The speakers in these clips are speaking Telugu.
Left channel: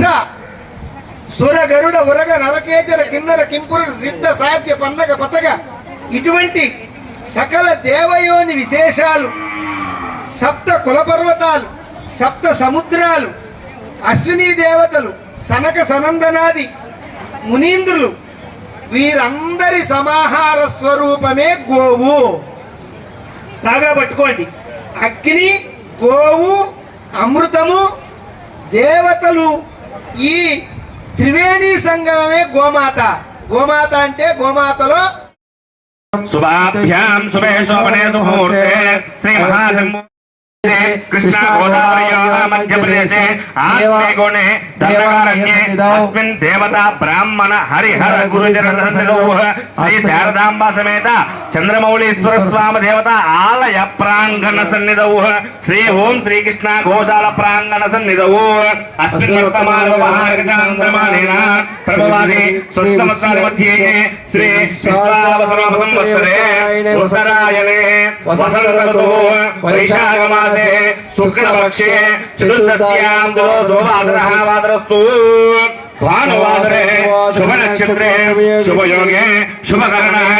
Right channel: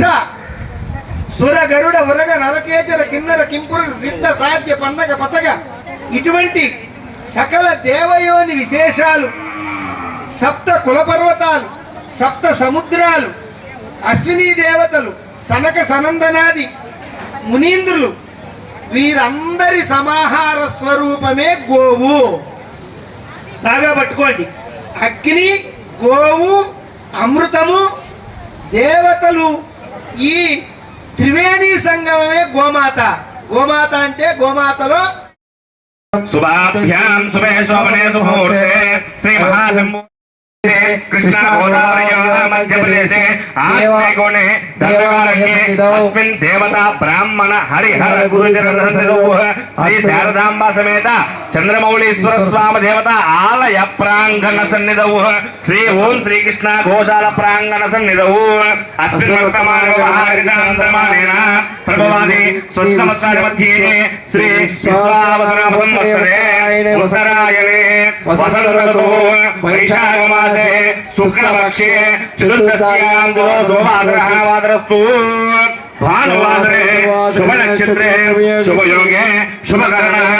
యక్ష సుర గరుడ ఉరగ నరకేచర కిన్నర కింపుర సిద్ధ సాధ్య పందగ పతగ. ఇటువంటి సకల దేవయోని విశేషాలు సప్త కులపర్వతాలు సప్త సముద్రాలు అశ్విని దేవతలు సనక సనందనాది మునీంద్రులు వీరందరి సమాహార స్వరూపమే గోవు. బాగా పట్టుకోండి. అగ్ని గోవు అమృతము దేవతలు ఈ త్రివేణి సంగమమే గోమాత. గోమాత అంటే గోమాతలో శుభాభ్యాం శుభే శోభనే సుముహూర్తే శ్రీ మహాశంభు కృష్ణ గోదావరయోः మధ్యప్రదేశే ఆత్మేగుణే దండకారణ్యే అస్మిన్ దేవత బ్రాహ్మణ హరిహర గురుజనసన్నిధౌః శ్రీ శారదాంబ సమేత చంద్రమౌళీశ్వర స్వామి దేవత ఆలయ ప్రాంగణ సన్నిధౌః శ్రీ ఓం శ్రీకృష్ణ గోశాల ప్రాంగణ సన్నిధౌ అస్మిన్ వర్తమాన వ్యవహారికాంతమానేన ప్రభవాది స్వత్సమస్కార మధ్యే శ్రీ విశ్వావసనామ సంవత్సరే ఉత్తరాయణే వసంతఋతుః వైశాఖమాసే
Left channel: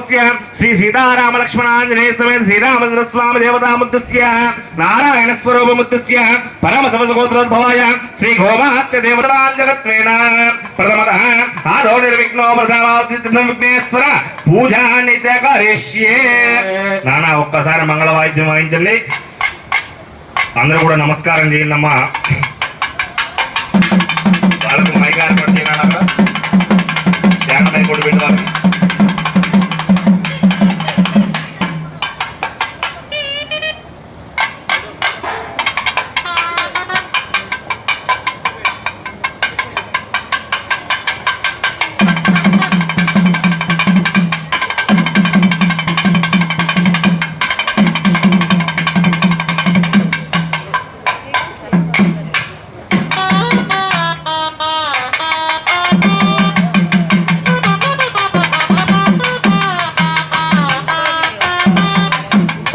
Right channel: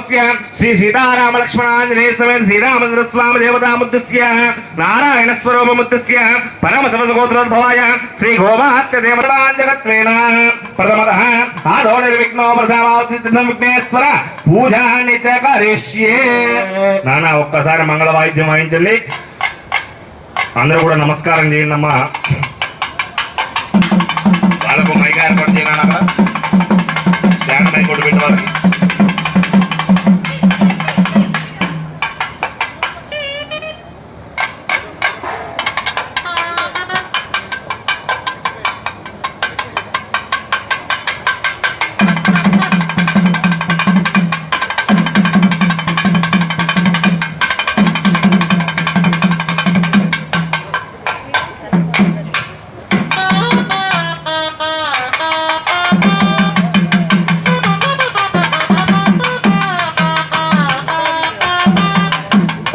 గోత్రోద్భవస్య శ్రీ సీతారామ లక్ష్మణాంజనేయ సమేత శ్రీరామచంద్ర స్వామి దేవతా నారాయణ స్వరూప పరమ పరమశవస శ్రీ గోమాత్య దేవతాంజగత్వేన ప్రథమతః ఆదో నిర్విఘ్నో ప్రధానాశ్వర పూజాని చ కరిష్యే. నాన్న ఒక్కసారి మంగళ వాయిద్యం వాయించండి. అందరూ కూడా నమస్కారం చేయండి అమ్మా.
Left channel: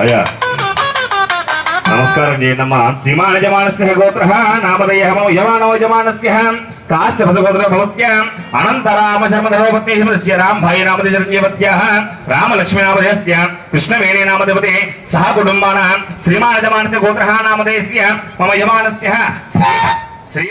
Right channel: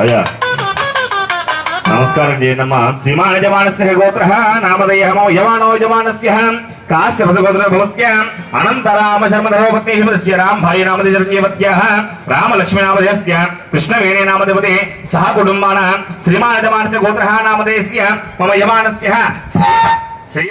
అయ్యా. నమస్కారం చేయండమ్మా శ్రీమాన్ యజమానస్య గోత్ర నామధేయ మమ యమానో యజమానస్య. కాశ్యపస గోత్ర భవస్య అనంతరామ శర్మ కృష్ణవేణి నామదేవతే సహ కుటుంబాన. శ్రీమాన్ గోత్ర నామధేయస్య మమ యమానస్య శ్రీ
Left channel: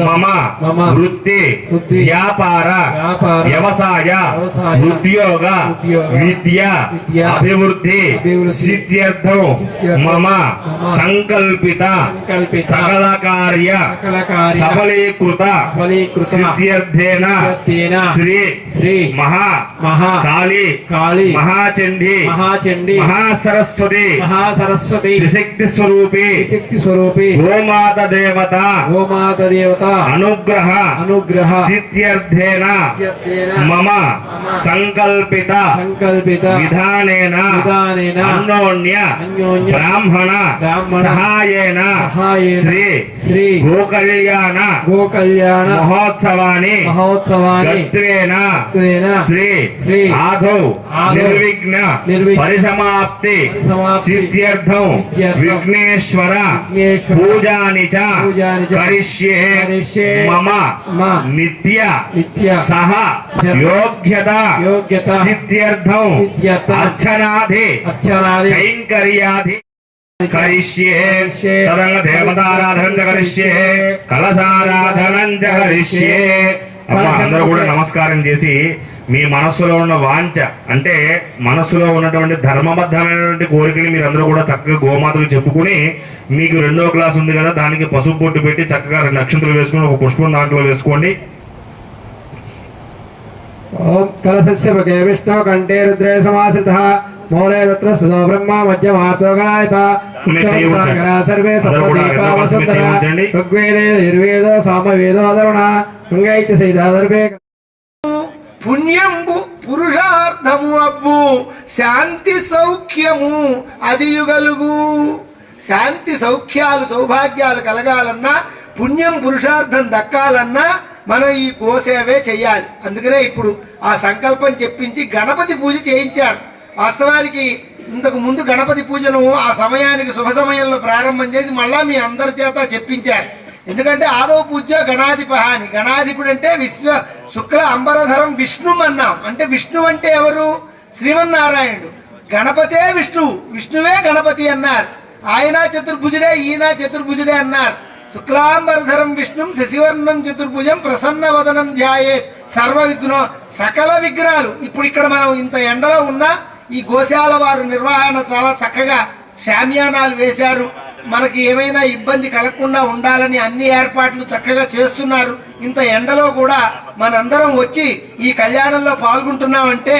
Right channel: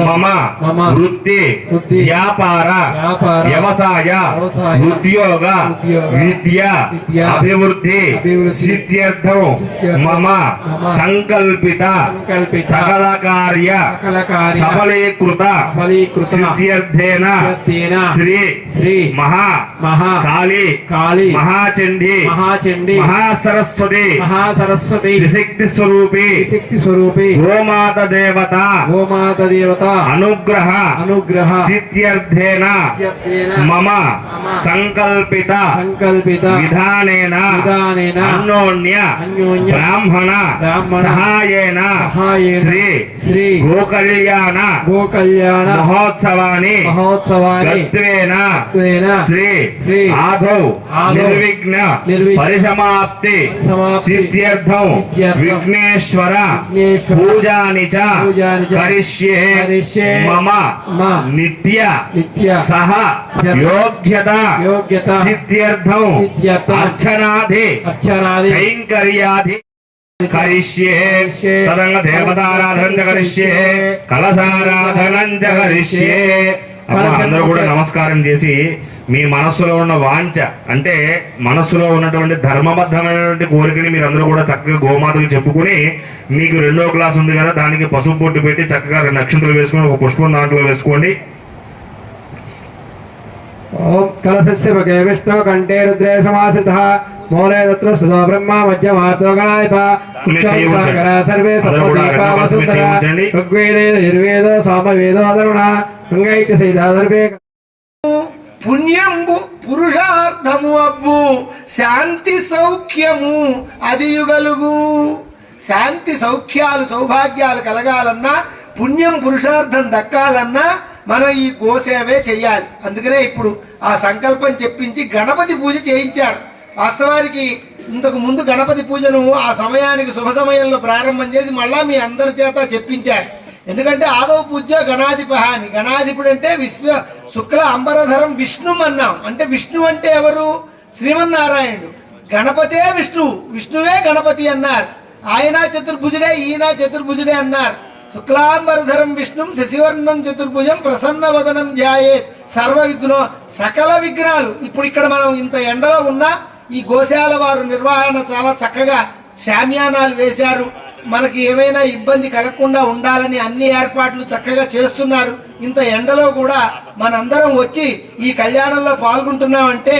మమ వృత్తి వ్యాపార వ్యవసాయ ఉద్యోగ విద్య అభివృద్ధి సిద్ధ్యర్థం మమ సంకల్పిత సకల కార్య సఫలీకృత ఫలీకృత సిద్ధ్యర్థేన శ్రీ శ్రీ మహా మహా కాళీ కాళీ మహాచండీ మహాచండి మహాసరస్వతి మహాసరస్వతి త్రిశక్తి స్వరూపి శక్తి స్వరూపి గోమాత దేవత గోమాత దేవత అనుగ్రహ అనుగ్రహ సిద్ధ్యర్థేన సిద్ధ్యర్థేన మమ సంకల్పిత సంకల్పిత విధానేన విధానేన అన్యోన్య అన్యోన్య బ్రాహ్మణ బ్రాహ్మణ సహాయేన సహాయేన శ్రీ శ్రీ గోకళ్యాణ గోకళ్యాణ మహోత్సవాన్ని మహోత్సవాన్ని గత్వేన గత్వేన శ్రీ శ్రీ ఆదౌ ఆదౌ నిర్విఘ్న మమ నిత్య సహ యోగ్యత యోగ్యత సిద్ధ్యర్థం అక్షరాది కైంకర్యాది కరిష్యే తదంగ దేవతారాధనం కరిష్యే కలసారాధనం కరిష్యే అందరూ కూడా నమస్కారం చేసి మీ మనస్సులో ఉన్న వాంఛ అంటే మనస్సులో ఉన్నటువంటి ధర్మబద్ధమైనటువంటి కోరికని మీరు అందరూ కూడా చక్కగా గోమాతకు చెప్పుకుని మీకు రెండో క్లాస్ ఉంది కదా దానికి పసుపు బొట్టు పెట్టి చక్కగా రెండు నక్షత్రాలు వేసుకుని ఒక పుష్పం దాంట్లో వేసుకోండి. ఓం కలశస్య భగే విష్ణవ కంఠే రుద్రే సమాశ్రితః మూలే తత్ర సుధో బ్రహ్మ మధ్యమాతో గణాయత. మీరు చేయవచ్చండి. సర్వే వసుంధర. చేయవచ్చండి. ఋగ్వేదే యజుర్వేదో సామవేదో అధర్వణ గంగైచ సైదా పుణ్యంబు పురుషార్థము అబ్బు శాంతి సౌఖ్యము అది యుగలుగు శాంతి సౌఖ్యాలు సౌభాగ్యాలు కలగాలన్నా పుణ్యం పురుషార్థం దక్కాలన్నా మనం ఈ గోసేవే చెయ్యాలి. అందుకనే ఇప్పుడు ఆ సంకల్పం చెప్పించి గణపతి పూజ చేయించారు. వాస్తవానికి ఇంతకు ముందు గణపతి పూజను ఆ సమయానికి శుభ సమయంలో ప్రారంభం చేసి మళ్ళా మీ అందరి చేత చెప్పించారు. ఎందుకంటే ఆదవ పూజ్య గణాధిప అని. గణాధిపుడు అంటే విశ్వ శుక్ల అంబరధరం విష్ణు అన్నాం. అంటే విష్ణు అంటే ఎవరు? శ్రీమన్నారాయణుడు. గణపతే విష్ణువు విష్ణువే గణపతి అన్నారు. ఆయన చతుర్భుజుడే ఈయన చతుర్భుజుడే అన్నారు. శుక్లాంబరధరం విష్ణుం శశివర్ణం చతుర్భుజం ప్రసన్న వదనం ధ్యాయే సర్వ విఘ్నో సకల విఘ్నాలు. ఇప్పుడు ఇక్కడ మనం ఇంత ఎండలో ఉన్నా ఈ గోశాల వారు నిర్వహణ చాలా చక్కగా శామ్యానాలు వేశారు. మనకి ఏమైనా ఇబ్బంది కలగకుండా ఉండాలని అన్ని ఏర్పాట్లు చక్కగా చేస్తున్నారు. ఇంత ఎండలో కూడా మనందరం వచ్చి ఈ కళ్యాణంలో పాల్గొంటున్నామంటే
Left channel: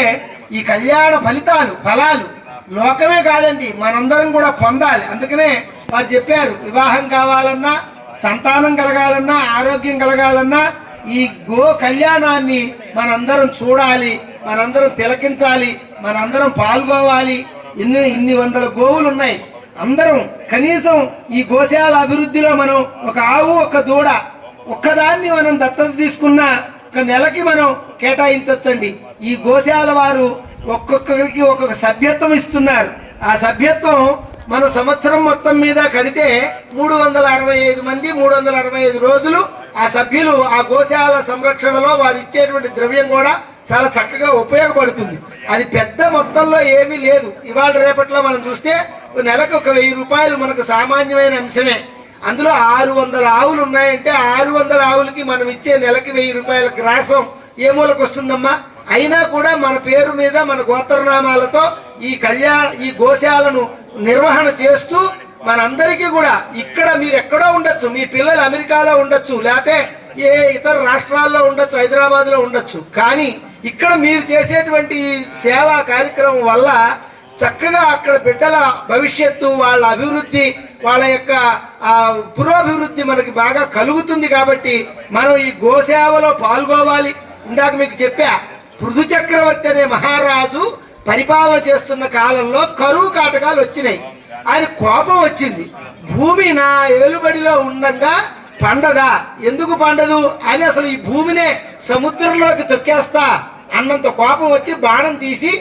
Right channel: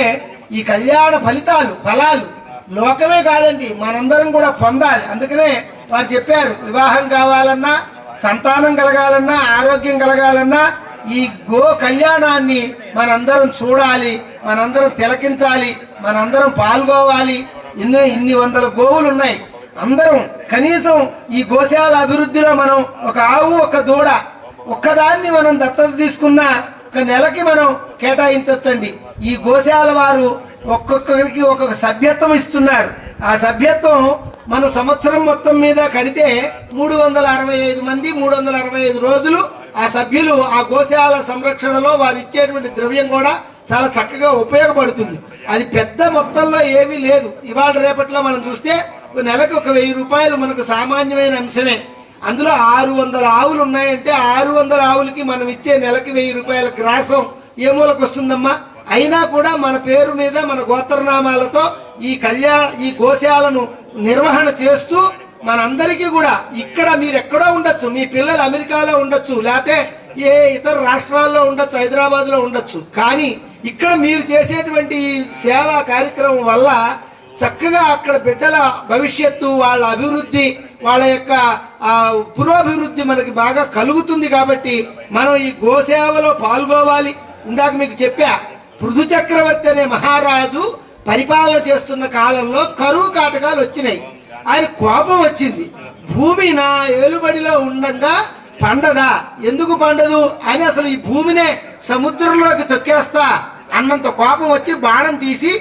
ఈ కళ్యాణ ఫలితాలు ఫలాలు లోకమే కాదండి మనందరం కూడా పొందాలి. అందుకనే వారు చెప్పారు వివాహం కావాలన్నా సంతానం కలగాలన్నా ఆరోగ్యం కలగాలన్నా ఈ గో కళ్యాణాన్ని మనందరం చూడాలి మనందరం తిలకించాలి మనందరం పాల్గొవాలి. ఇన్ని ఇన్ని వందల గోవులు ఉన్నాయి అందరం కనీసం ఈ గోశాల అభివృద్ధిలో మనం ఒక ఆవు ఒక దూడ ఒక్కదాన్ని మనం దత్తత తీసుకున్న ఒక నెలకి మనం కేటాయించవచ్చండి ఈ గోశాల వారు ఒక్కొక్కరికి ఒక్కొక్క సభ్యత్వం ఇస్తున్నారు. ఆ సభ్యత్వం మన సంవత్సరం మొత్తం మీద కడితే మూడు వందల అరవై ఐదు మంది మూడు వందల అరవై ఐదు రోజులు ఆ సభ్యులు ఆ గోశాల సంరక్షణలో వారు ఇచ్చేటువంటి ద్రవ్యం కూడా చాలా చక్కగా ఉపయోగపడుతుంది. అది పెద్ద మొత్తంలో ఏమీ లేదు. ఇవాళ రేపట్లో మనం చూస్తే నెలకు ఒక వెయ్యి రూపాయలు మనకు సామాన్యమైన అంశమే. అందులో ఆరు వందల ఆవులు ఉన్నాయంటే ఆరు వందల ఆవులకి మనం ఇచ్చే నెలకి వెయ్యి రూపాయల గ్రాసం ఏ మూలకు వస్తుందమ్మా? అయినా కూడా మన పేరు మీద మన గోత్రనామాలతో ఈ కళ్యాణ ఈ గోశాలను నిర్వహణ చేస్తూ మనందరికీ కూడా ఇక్కడ మీరు ఎక్కడో ఉండొచ్చు. మీ పిల్లలు అమెరికాలో ఉండొచ్చు లేకపోతే ఏ ఇతర రాష్ట్రాల్లో ఉండొచ్చు హైదరాబాద్లో ఉండొచ్చు. కానీ ఇక్కడ మీరు చేసేటువంటి ఈ సేవా కార్యక్రమం వల్ల చక్కగా అక్కడ బిడ్డల భవిష్యత్తు వాళ్ళ అభివృద్ధి వాళ్ళ యొక్క పురోభివృద్ధి మనకి బాగా కలుగుతుంది కాబట్టి మనం ఈ గోసేవలో పాల్గొవాలి. ఇందాక మీకు చెప్పా పృథు చక్రవర్తి అనే మహారాజు పరిపాలన చేస్తున్న కాలంలో కరువు కాటకాలు వచ్చినాయి. ఆయన కోపం వచ్చింది. భూమి నా ఏలుబడిలో ఉండగా పండదా? ఎందుకు పండదు? అని అసలు ఈ భూమినే సముద్రంలోకి తొక్కేస్తా అన్నంత కోపం వచ్చి బాణం తీసి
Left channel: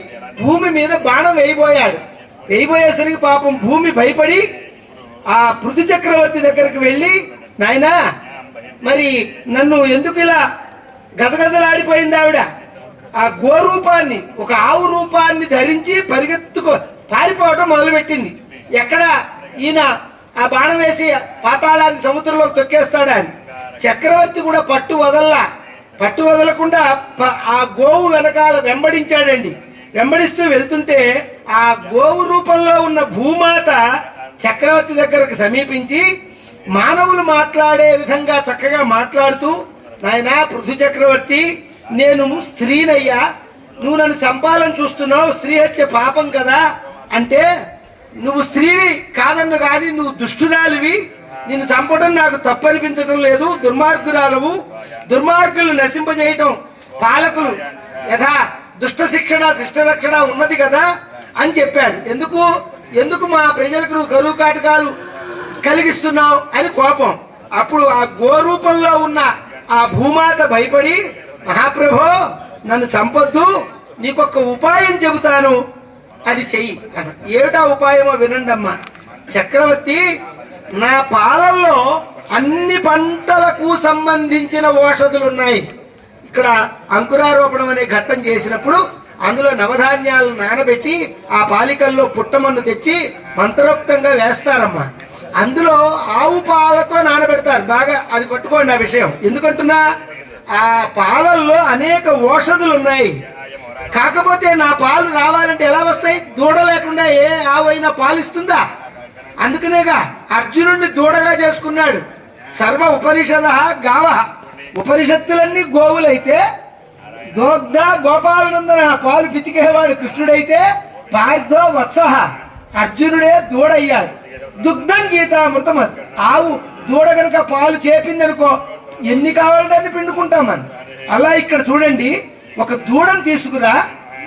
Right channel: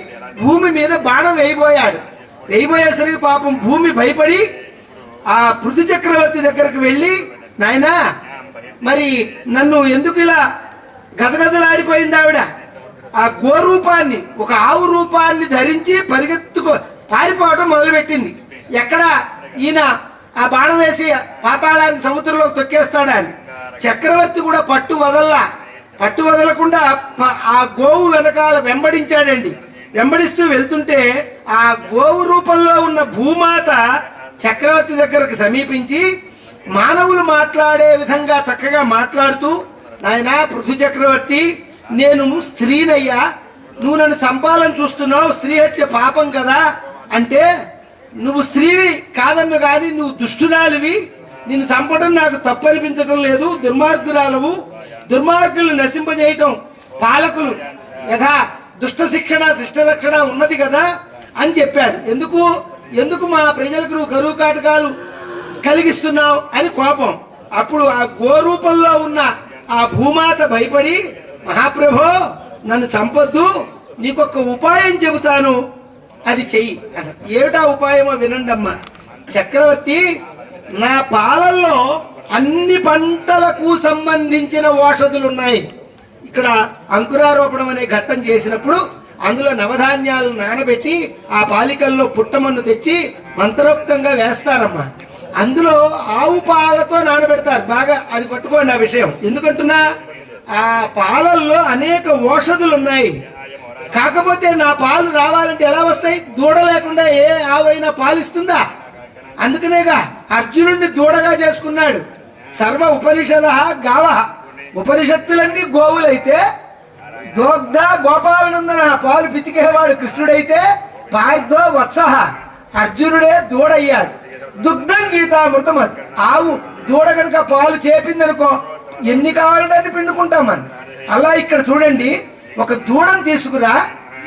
భూమి మీద బాణం వేయబోయాడు. వేయబోయేసరికి పాపం భూమి భయపడి ఆ పృథు చక్రవర్తి దగ్గరకు వెళ్ళి నాయనా మరి నన్ను ఎందుకు ఇలా గజగజలాడిపోయింది ఆవిడ? ఆ గో రూపాన్ని ఒక ఆవు రూపాన్ని ధరించి పరిగెత్తుకు పారిపోవటం మొదలుపెట్టింది. ఎక్కడ ఈయన ఆ బాణం వేసి పాతాళానికి సముద్రంలోకి తొక్కేస్తాడా అని? చక్రవర్తి కూడా పట్టు వదల్లా. పట్టు వదలకుండా ప- ఆ గోవు వెనకాల వెంబడించాడండి. వెంబడిస్తూ వెళ్తుంటే ఆ గోవు రూపంలో ఉన్న భూమాత చక్రవర్తి దగ్గరకు సమీపించి మానవులు మాట్లాడే విధంగా చక్కగా మాట్లాడుతూ నాయనా పృథు చక్రవర్తి నేను స్త్రీనయ్యా. నువ్వు నన్ను చంపాలని చూస్తున్నావు. స్త్రీ హత్య పాపం కదా. అంటే నువ్వు స్త్రీవి కాదన్ను కానీ నువ్వు దుష్టురాలివి. నిన్ను చంపడం నాకు తప్పనిపించడం లేదు. దుర్మార్గురాలవు. దుర్మార్గులు నశింపజేయటం పాలకులు యథా దుష్ట శిక్షణ శిష్ట రక్షణ ఉన్నది కదా అని చెప్పాడు. ఎందుకు? ఎందుకు మా ప్రజలకు నువ్వు కరువు కాటకాలు కలిగిస్తున్నావు అని కోపం. అప్పుడు ఆ గోరూపంలో ఉన్న ఆ భూమాత భయపడి మహాప్రభో నన్ను చంపొద్దు నీకొక ఉపాయం చెబుతాను అది చెయ్యి ఏమిటా ఉపాయమో వినండి అమ్మా. చక్రవర్తి నా పాలల్లో అన్ని పంటలకు సంబంధించిన ఔషధులు ఉన్నాయి ఇక్కడ అంకురారోపణం అనే ఘట్టం చేసినప్పుడు అందులో నవధాన్యాలను నానబెట్టి ఆ పాలికల్లో పుట్టమన్ను తెచ్చి మంత్రోక్తంగా వేస్తారమ్మా. అందులో ఆవు పాలతో నానబెడతారు. బాగా అది పట్టుకోండి ఆ విషయం. ఎందుకంటున్నా? ఆ పాలల్లో అనేక ఓషధులు ఉన్నాయి కాకపోతే నా పాలు రావాలంటే ఎలా వస్తాయి? దూడ లేకుండా ఏ ఆవైనా పాలిస్తుందా? అందుకనేగా అర్జునుడిని దూడగా చేసుకున్నాడు. సర్వ ఉపనిషద గావ. ఉపనిషత్తులన్నీ గోవులైతే దోగ్ధ గోపాలనందన పాలు పితికేవాడు కృష్ణుడైతే పార్థో వత్సహ అర్జునుడే దూడయ్యాడు. దుగ్ధం గీతామృతం అది. ఆవు దూడ కనుక పాలు చేపిందనుకో ఎన్ని కావాలంటే అది పిండుకుంటాం మనం. అలా ఇక్కడ చూడండి ఒక దూడను తీసుకురా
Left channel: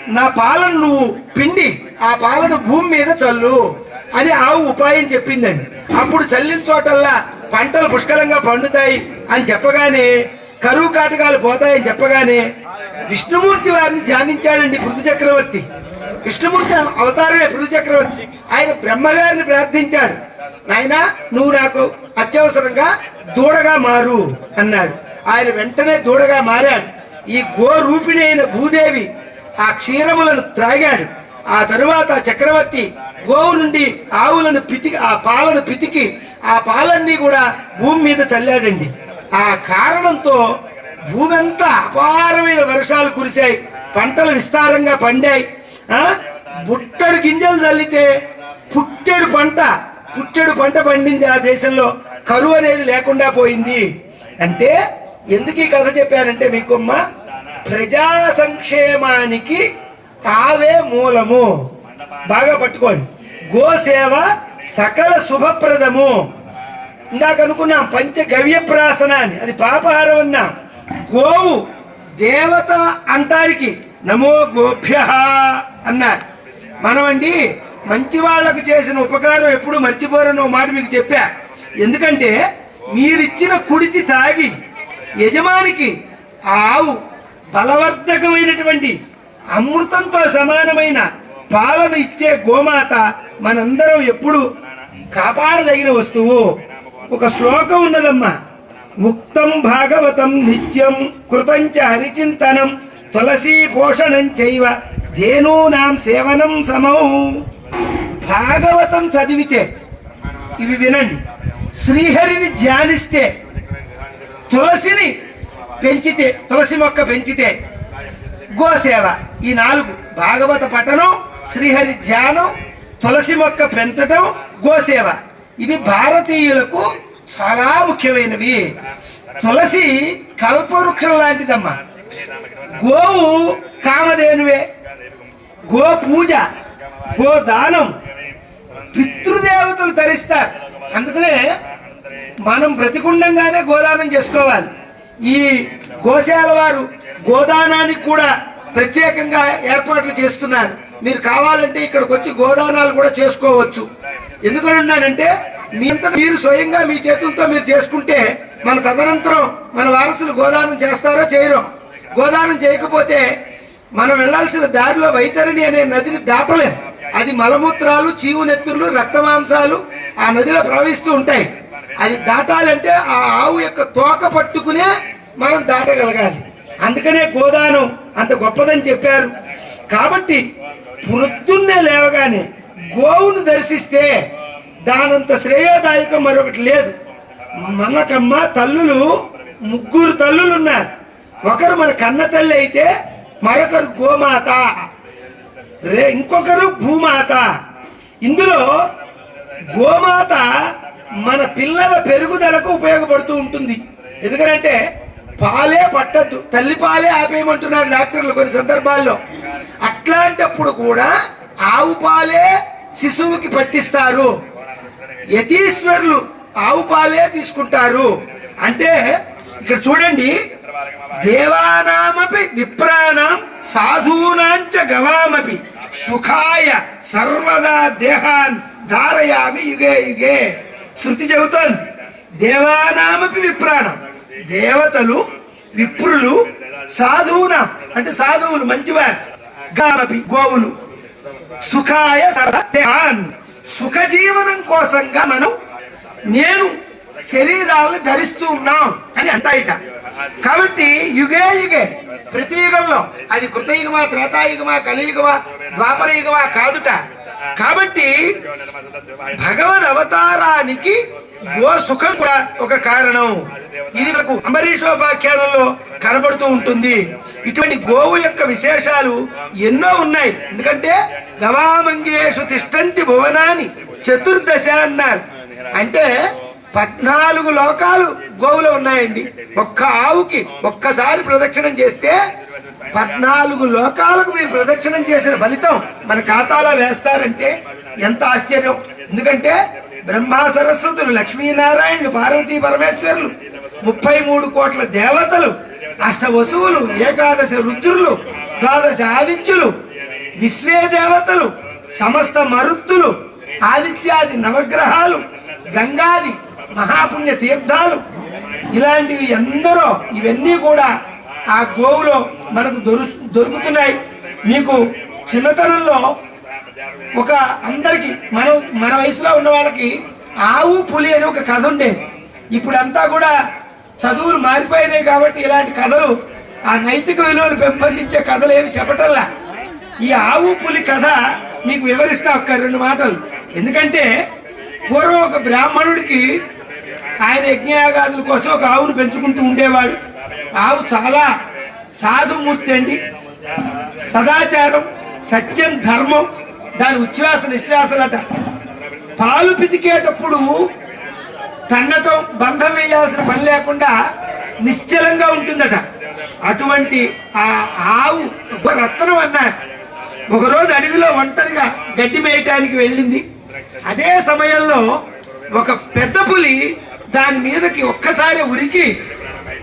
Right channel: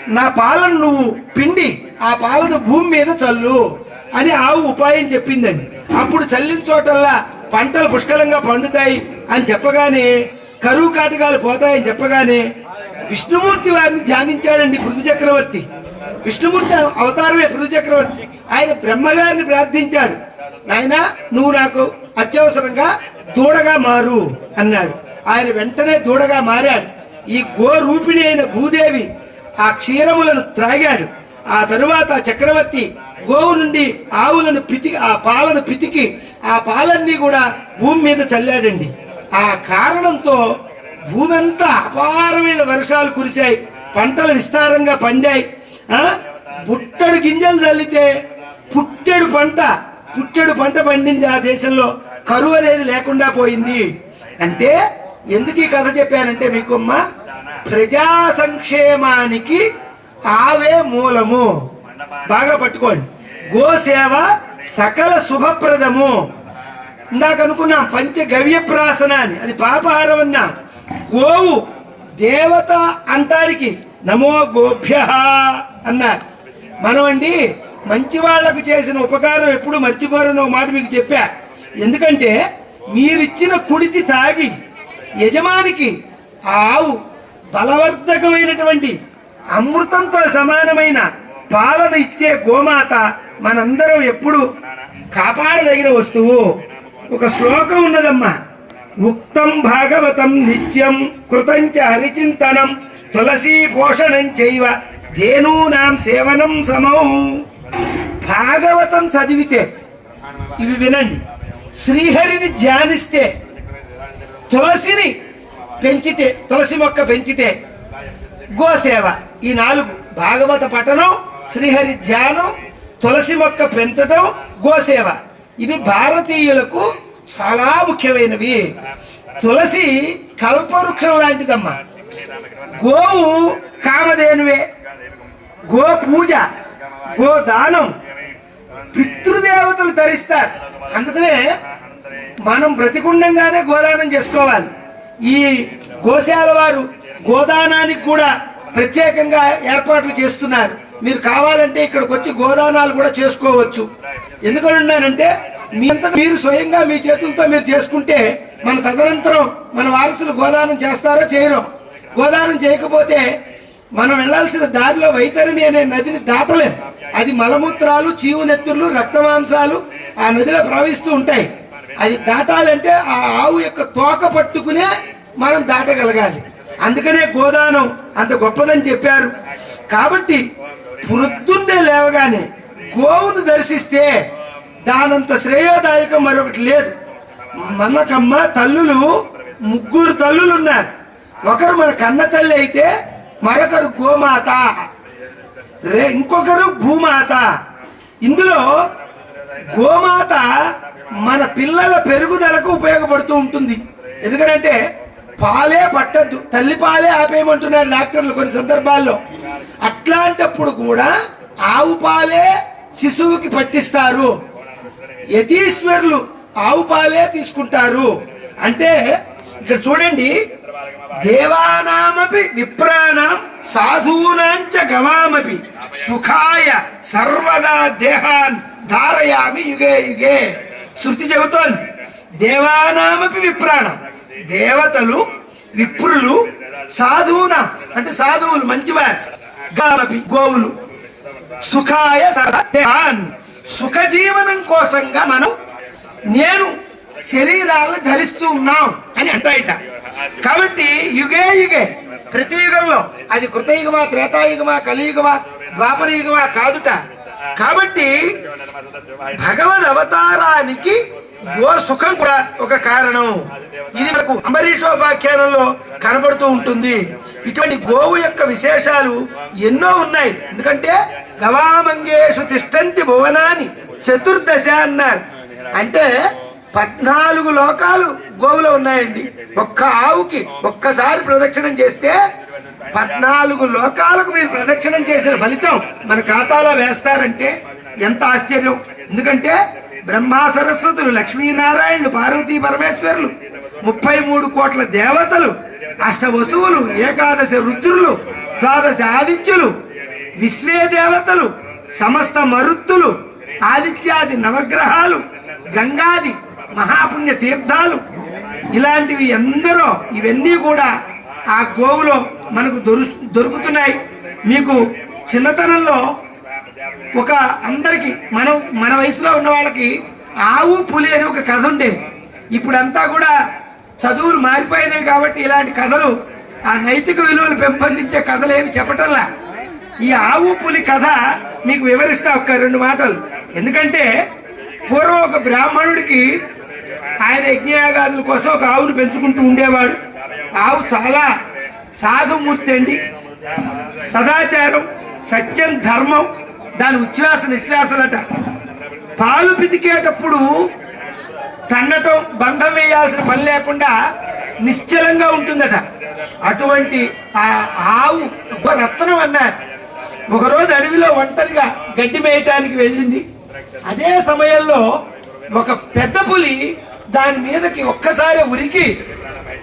నా పాలను నువ్వు పిండి ఆ పాలను భూమి మీద చల్లు అని ఆవు ఉపాయం చెప్పిందండి. అప్పుడు చల్లిన చోటల్లా పంటలు పుష్కలంగా పండుతాయి అని చెప్పగానే కరువు కాటకాలు పోతాయని చెప్పగానే విష్ణుమూర్తి వారిని ధ్యానించాడండి పృథు చక్రవర్తి. విష్ణుమూర్తి అవతారమే పృథు చక్రవర్తి. ఆయన బ్రహ్మగారిని ప్రార్థించాడు. నాయనా నువ్వు నాకు అత్యవసరంగా దూడగా మారు అన్నాడు. ఆయన వెంటనే దూడగా మారాడు. ఈ గో రూపిణి అయిన భూదేవి ఆ క్షీరములను త్రాగాడు. ఆ తరువాత చక్రవర్తి గోవు నుండి ఆవులను పితికి ఆ పాలను పితికి ఆ పాలన్నీ కూడా భూమి మీద చల్లాడండి. ఆ కారణంతో భూమి అంతా అపారమైన వర్షాలు కురిశాయి. పంటలు విస్తారంగా పండాయి. బుట్టడు గింజలు చల్లితే పుట్టెడు పంట పుట్టెడు పంట పండింది ఆ దేశంలో. కరువు అనేది లేకుండా పోయింది. అంటే ఎందుకు ఈ కథ చెప్పానంటే మీకమ్మ ప్రజా సంక్షేమానికి ఆవే మూలము. బాగా పట్టుకోండి. గోసేవ సకల శుభప్రదము. ఇందాక అనుకున్నాం పంచ గవ్యప్రాసన అని అది పాపహారం అన్నా. గోవు దేవత అంటారికి నమో గోభ్య అన్నారు. మనమండి మంచి వాళ్ళకు చేసిన ఉపకారం ఎప్పుడు మర్చిపోరని మాట మీకు చెప్పా. ఎందుకంటే మీరిచ్చిన కుడితి తాగి యజమానికి ఆ ఆవు బలవర్ధకమైనటువంటి అమృతంతో సమానమైన పాలన ఇచ్చే గోమాత మనందరం ఎప్పుడు కాపాడదగిన వస్తువు. ఒక శ్లోకం ఉన్నదమ్మా. ముక్తం భాగవతం నిత్యం కృతంచ హరిచింతనం తులసీ పోషణం చేయవ ధేనూనాం సేవనం సమౌ. భాగవతం చదివితే ఇవి వినండి శ్రీహరిని ధ్యానిస్తే తులసిని పెంచితే తులసి మొక్క పెంచితే గోసేవ ఈ నాలుగు భాగవత పఠనం శ్రీహరి ధ్యానం తులసి మొక్క పెంచటం గోసేవ. ఇవి భారతీయులకు చాలా ముఖ్యమైనవి. తులసి కల్పవృక్షం లాంటిదమ్మా. గోవు కామధేనువే. గో పూజ గో దానం. పితృదేవతలు ధరిస్తారు. అందుకనే మనం బ్రతికుండంగానే గోదానం చేసుకోవాలి. ఈ గోశాల వారు గోదానానికి కూడా ప్రత్యేకంగా ఏర్పాట్లు చేస్తున్నారు. మీరు కావాలంటే ఇక్కడికి వచ్చి గోదానాలు కూడా చేసుకోవచ్చు. ఎందుకని అన్నానంటే మీ అంతటా మీరు స్వయంగా మీ చేతులతో మీరు చేసుకుంటే మన తదనంతరం మన వారసులు గోదానం చేస్తారో చేయరో. గోదానం చేయకపోతే మనం వెళ్ళాల్సిన దారిలో వైతరణి అనే నదిని దాటలేం. అది మలమూత్రాలు చీవు నెత్తుర్లు రక్తమాంసాలు ఆ నదిలో ప్రవహిస్తూ ఉంటాయి. అది దాటాలంటే ఆ ఆవు యొక్క తోక పట్టుకునే మనం దాటగలగాలి. అందుకనే గోదానం అంత గొప్పదని చెప్పారు. కాబట్టి పొద్దున్నే లేవగానే గోవును దర్శిస్తే దానంత శ్రేయోదాయకం మరొకటి లేదు. మనకమ్మ తల్లులు ముగ్గురు తల్లులు ఉన్నారు ఒకరు మన కన్న తల్లి అయితే మరొకరు గోమాత. రే ఇంకొకరు భూమాత. ఇందులో గోమాత మన పిల్లల పెరుగుదలకు ఉపయోగపడుతూ ఉంటుంది. ఎందుకంటే పాలే పట్టద్దు. తల్లి పాలే ఆపేయమంటున్నారు డాక్టర్లు కొన్ని సందర్భాల్లో. అట్లాంటప్పుడు కూడా ఆవు పాలే శిశువుకి పట్టిస్తారు. యతీశ్వరులు ఆవు పాలే తీసుకుంటారు. అంటే ఇక్కడ చూడండి దేవానామపి విప్రాణం సాధూనాంచ గవామపి సుఖాయ సర్వదా దేహాన్ ధారయామి యుగే యుగే. శృతి చెబుతోంది. దేవానామపి విప్రాణం. దేవతలు విప్రులు సాధువున? అంటే సాధువులు మంచివారు. గాలపి గోవులు. సుఖాయ సర్వదేహాన్ సుఖ జీవనం కోసంగా మనం నేను శరీరాలను ధరిస్తూ ఉన్నాం అని అంటాయిట. కాబట్టి యుగే యుగే ప్రతి యుగంలో అది కృతయుగమా త్రేతాయుగమా కలియుగమా ద్వాపరయుగమా కాదుట. కాబట్టి భగవద్ అవతారానికి గో సుఖం కూడా ఒక కారణం. ఇది మనకు అంబరీషోపాఖ్యానంలో కనబడుతూ ఉంటుంది. ఇటువంటి గోవు యొక్క విశేషాలు ఎన్నో ఉన్నాయి. ఎందుకంటే గవామంగేషు తిష్టంతి భువనాన్ని చతుర్దశ అన్నారు. అంటే పద్నాలుగు లోకాలు గోవులో ఉన్నాయండి. ఒక్క ఆవుకి ఒక్కసారి ప్రదక్షిణం చేస్తే పద్నాలుగు లోకాలకు మీరు ప్రదక్షిణం చేసిన ఫలితం మన ఖాతాలో వేస్తారంటే ఎంత ఆశ్చర్యం. ఎందుకంటే బ్రహ్మ సరస్వతులు లక్ష్మీనారాయణులు పార్వతీ పరమేశ్వరులు ముప్పై మూడు కోట్ల దేవతలు అష్ట వసువులు ఏకాదశి రుద్రులు ద్వాదశ ఆదిత్యులు విశ్వే దేవతలు సమస్త మరుత్తులు ఆదిత్యాది నవగ్రహాలు గంగాది మహాపుణ్య తీర్థాలు ఇలాంటివి ఎందరో ఇవన్నీ కూడా ఆ గోవులో మనకు దొరు దొరుకుతున్నాయి. మీకు చిన్నతనంలో ఒక అందరికి మనం మన వయసులో ఉన్న వాళ్ళకి ఆవు పులి అని ఒక కథ ఉండేది ఇప్పుడంతా కూడా చదువులు మారిపోయినాయి కాబట్టి ఇలాంటి కథలు ఆ నైతిక విలువలు పెంపొందించే కథలు ఏమి చెప్పటల్లా. ఈ ఆవు పులి కథ మీకు వివరిస్తా ఒక్క రెండు మాటలు. ఎందుకంటే పూర్వం ఒక బ్రాహ్మణుడికి ఆయన యజ్ఞయాగాదుల కోసం ఒక ఆవును పెంచుకుంటూ ఉండేవాడు. ఆవు చాలా సాధుమూర్తి అండి. సదాచారం సత్యం ధర్మం దాని ఉచ్ఛ్వాస నిశ్వాసలట. పాలు పితికేటప్పుడు తన్నటం బంధం వేయాల్సిన పని లేకుండా నిశ్చలంగా ఉంటుందట. అటువంటి ఆ ఆవు ఒక రత్నం అన్నారు. ఒకరోజు అడవిలో ఒంటరిగా గడ్డి మేయటానికి వెళ్ళింది. అదే సమయంలో ఒక పెద్ద పులి దాని మీదకి ఒక్కసారి ఉరికి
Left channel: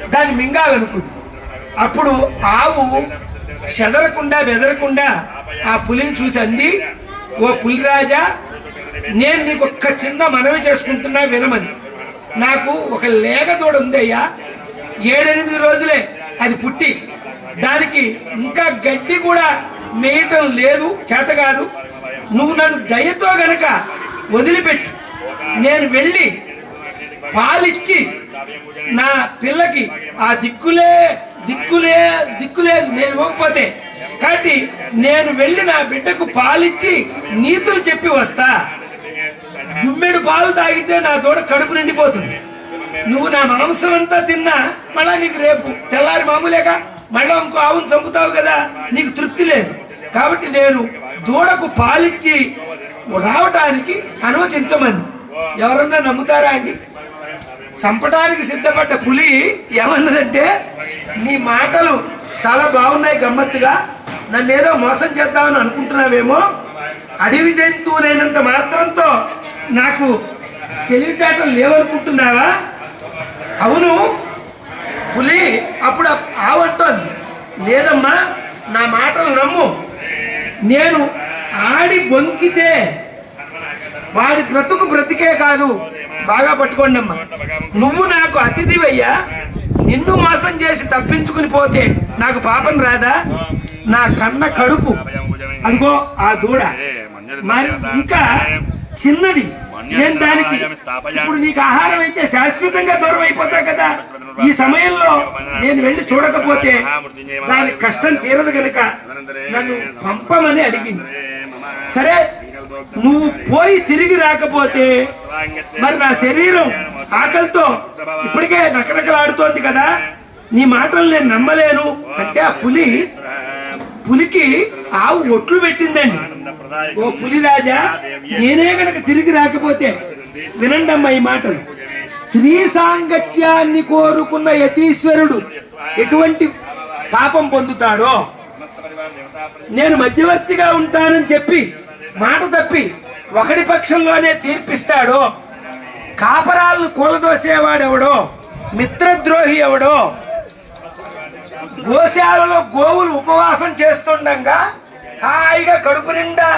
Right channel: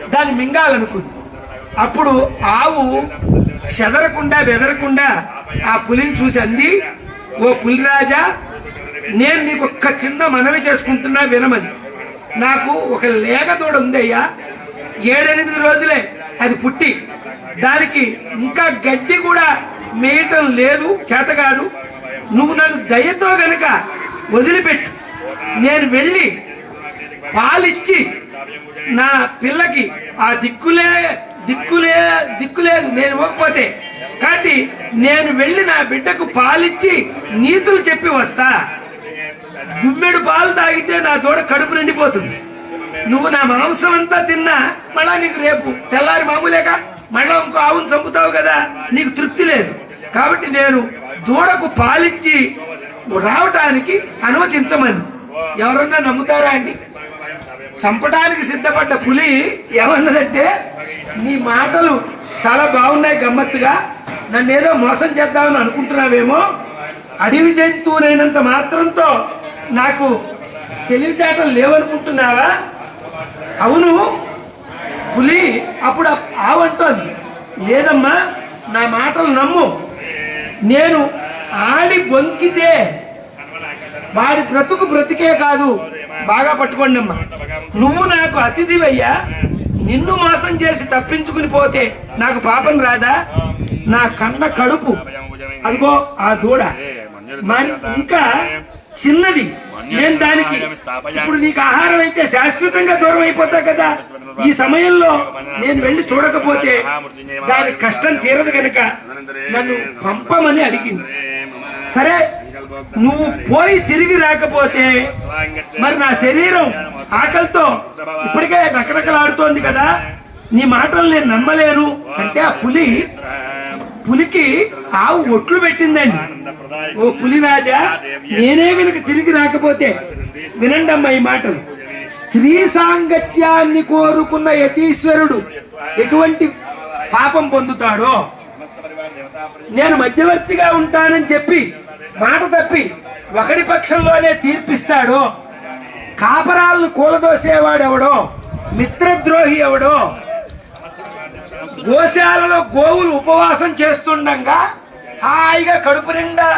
దాన్ని మింగాలనుకుంది. అప్పుడు ఆవు చెదరకుండా బెదరకుండా ఆ పులిని చూసి అంది ఓ పులిరాజా నేను నీకు ఒక్క చిన్న మనవి చేసుకుంటున్నా వినమని. నాకు ఒక లేగదోడ ఉందయ్యా. ఏడెనిమిది రోజులే అది పుట్టి. దానికి ఇంకా గడ్డి కూడా మేయటం లేదు చేత కాదు. నువ్వు నన్ను దయతో గనక వదిలిపెట్టు. నేను వెళ్ళి పాలిచ్చి నా పిల్లకి ఆ దిక్కులే దిక్కులే దిక్కులేదు నేను ఇవ్వకపోతే కాబట్టి నేను వెళ్ళి నా బిడ్డకు పాలిచ్చి నీతులు చెప్పి వస్తా. గుమ్మెడు పాలు తాగితే నా దూడ కడుపు నిండిపోతుంది. నువ్వు నా మాంసం అంతా తిన్నా మళ్ళా నీకు రేపు తెల్లారి మామూలేగా మళ్ళా ఇంకో ఆవును చంపుతావు కదా నీకు తృప్తి లేదు. కాబట్టి నేను దూడకు పాలిచ్చి రావటానికి అనుమతించమని. ఎవరన్నా నమ్ముతారా అండి? చంపడానికి సిద్ధపడ్డ పులి ఏమన్నదంటే నీ మాటలు చాలా బాగున్నాయి గమ్మత్తుగా. నన్ను ఏదో మోసం చేద్దామని అనుకుంటున్నావేమో. అడవి జంతువులైనంత మాత్రంతో నాకు తెలివితేటలు లేవనుకుంటున్నావా అవును పులి అప్పుడు ఆ- ఆవంటోంది లేదమ్మా నా మాటలు నమ్ము. నేను ఆడి బొంకితే వాడి బ్రతుకు బ్రతికే కాదు. బాగా పట్టుకోండి అమ్మా నువ్వు నాకు అతిథివయ్యా. నిన్ను మోసం చేసి తప్పించుకుని పోతే నాకు పాపం రాదా? నా కన్న కడుపు. అదిగో ఆ దూడ. ఇంకా చిన్నది. నేను దానికి? ఇప్పుడు నీకు ఆహారం అయితే శాశ్వతంగా దూరం అయిపోతా కదా. ఈ సమయంలో నేను వెళ్ళి చూడకపోతే దాని కష్టం తీరదు కనుక నన్ను పంపమని అడిగింది. సరే? నువ్వు పోయి తిరిగి రాకపోతే మరి నా శరీరం ఆకలితో ఇప్పటికే రకరకలాడుతోంది కదా. నీ మాటలు నేను నమ్మలేను. అంటే ఆ పులి పులికి ఆవు ఒట్లు పెట్టిందండి. ఓ పులి రాజా నేనే గనక తిరిగి రాకపోతే వినండి అమ్మా ఈ మాటలు. స్త్రీ సాంగత్యాన్ని కోరుకున్న యతీశ్వరుడు ఎటువంటి పాపం పొందుతాడో? నేను మధ్యవర్తిగా ఉంటానని చెప్పి మాట తప్పి ఒకడి పక్షంలోనే తీర్పిస్తాడో కాపరాలను కూలదోసేవాడెవడో మిత్రద్రోహి ఎవడో గోశాలలో గోవులు ఉపవాసం చేస్తుండగా హాయిగా కడుపు నిండా